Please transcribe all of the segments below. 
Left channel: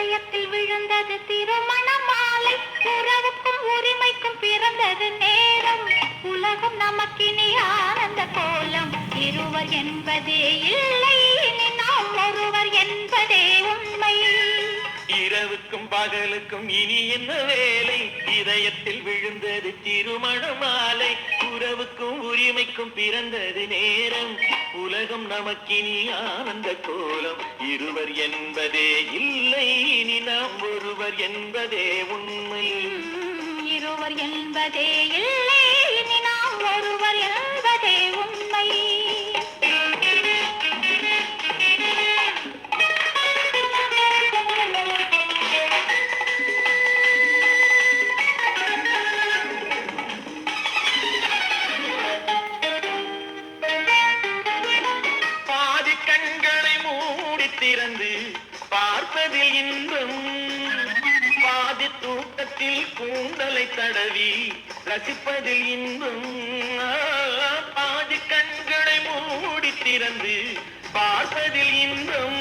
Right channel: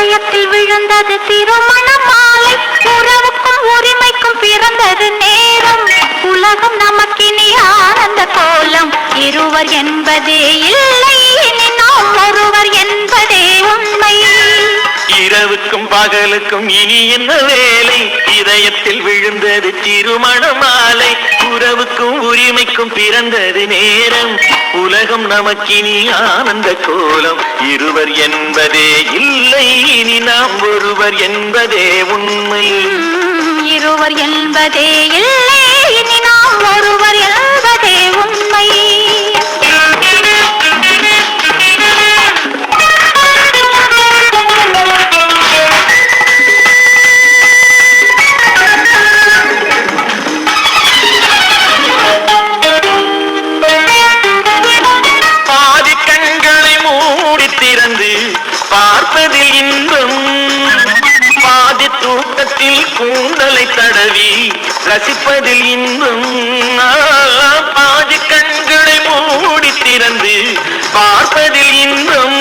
இதயத்தில் விழுந்தது திருமண மாலை. உறவுக்கும் உரிமைக்கும் பிறந்தது நேரம். உலகம் நமக்கினி ஆனந்த கோலம். இருவர் என்பதே இல்லை, இனி நாம் ஒருவர் என்பதே உண்மை. இரவுக்கும் பகலுக்கும் இனி என்ன வேலை? இதயத்தில் விழுந்தது திருமண மாலை. உறவுக்கும் உரிமைக்கும் பிறந்தது நேரம். உலகம் நமக்கினி ஆனந்த கோலம். இருவர் என்பதே இல்லை, இனி நாம் ஒருவர் என்பதே உண்மை. இருவர் என்பதே இல்லை, இனி நாம் ஒருவர் என்பதே உண்மை. பார்ப்பதில் இன்பம், பாதி தூக்கத்தில் கூந்தலை தடவி ரசிப்பதில் இன்பம். பாதி கண்களை மூடி திறந்து பார்ப்பதில் இன்பம்,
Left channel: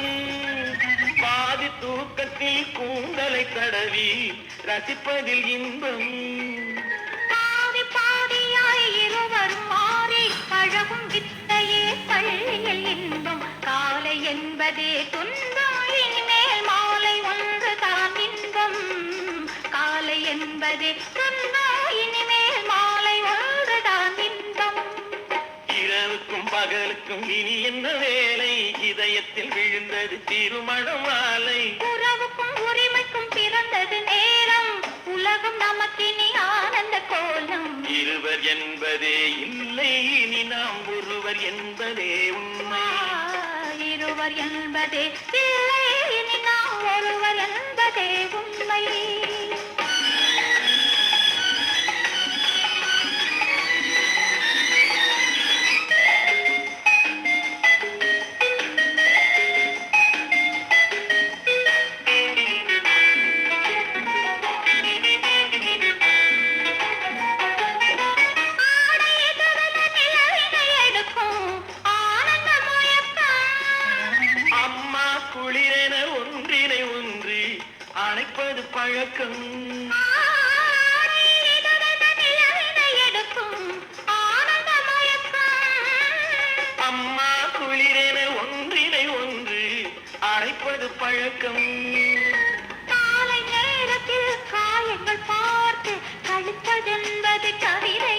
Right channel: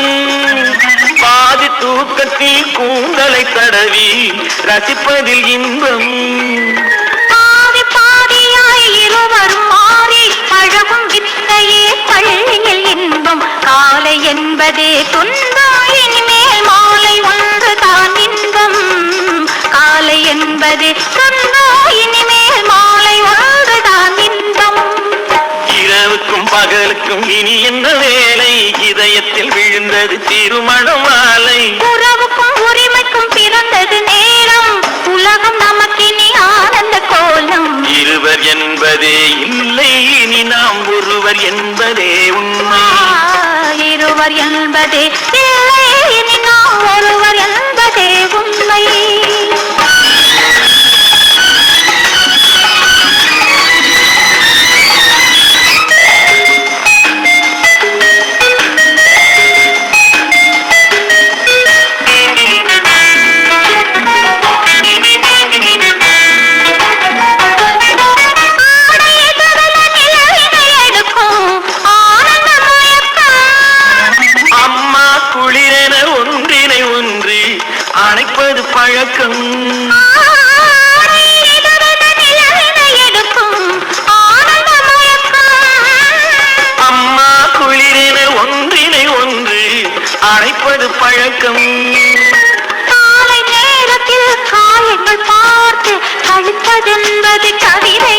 பாதி தூக்கத்தில் கூந்தலை தடவி ரசிப்பதில் இன்பம். பாதி பாதியாய் இருவரும் மாறி பழகும் வித்தையே பள்ளியில் இன்பம். காலை என்பதே துன்பம், இனிமேல் மாலை ஒன்றுதான் இன்பம். காலை என்பதே துன்பம், இனிமேல் மாலை ஒன்றுதான் இன்பம். இரவுக்கும் பகலுக்கும் இனி என்ன வேலை? இதயத்தில் விழுந்தது திருமண மாலை. உறவுக்கும் உரிமைக்கும் பிறந்தது நேரம். உலகம் நமக்கினி ஆனந்த கோலம். இருவர் என்பதே இல்லை, இனி நாம் ஒருவர் என்பதே உண்மை. இருவர் என்பதே இல்லை, இனி நாம் ஒருவர் என்பதே உண்மை. அணைப்பது பழக்கம், அம்மா குளிரென ஒன்றினை ஒன்று அணைப்பது பழக்கம். காலை நேரத்தில் காயங்கள் பார்த்து கழிப்பதென்பது கவிதை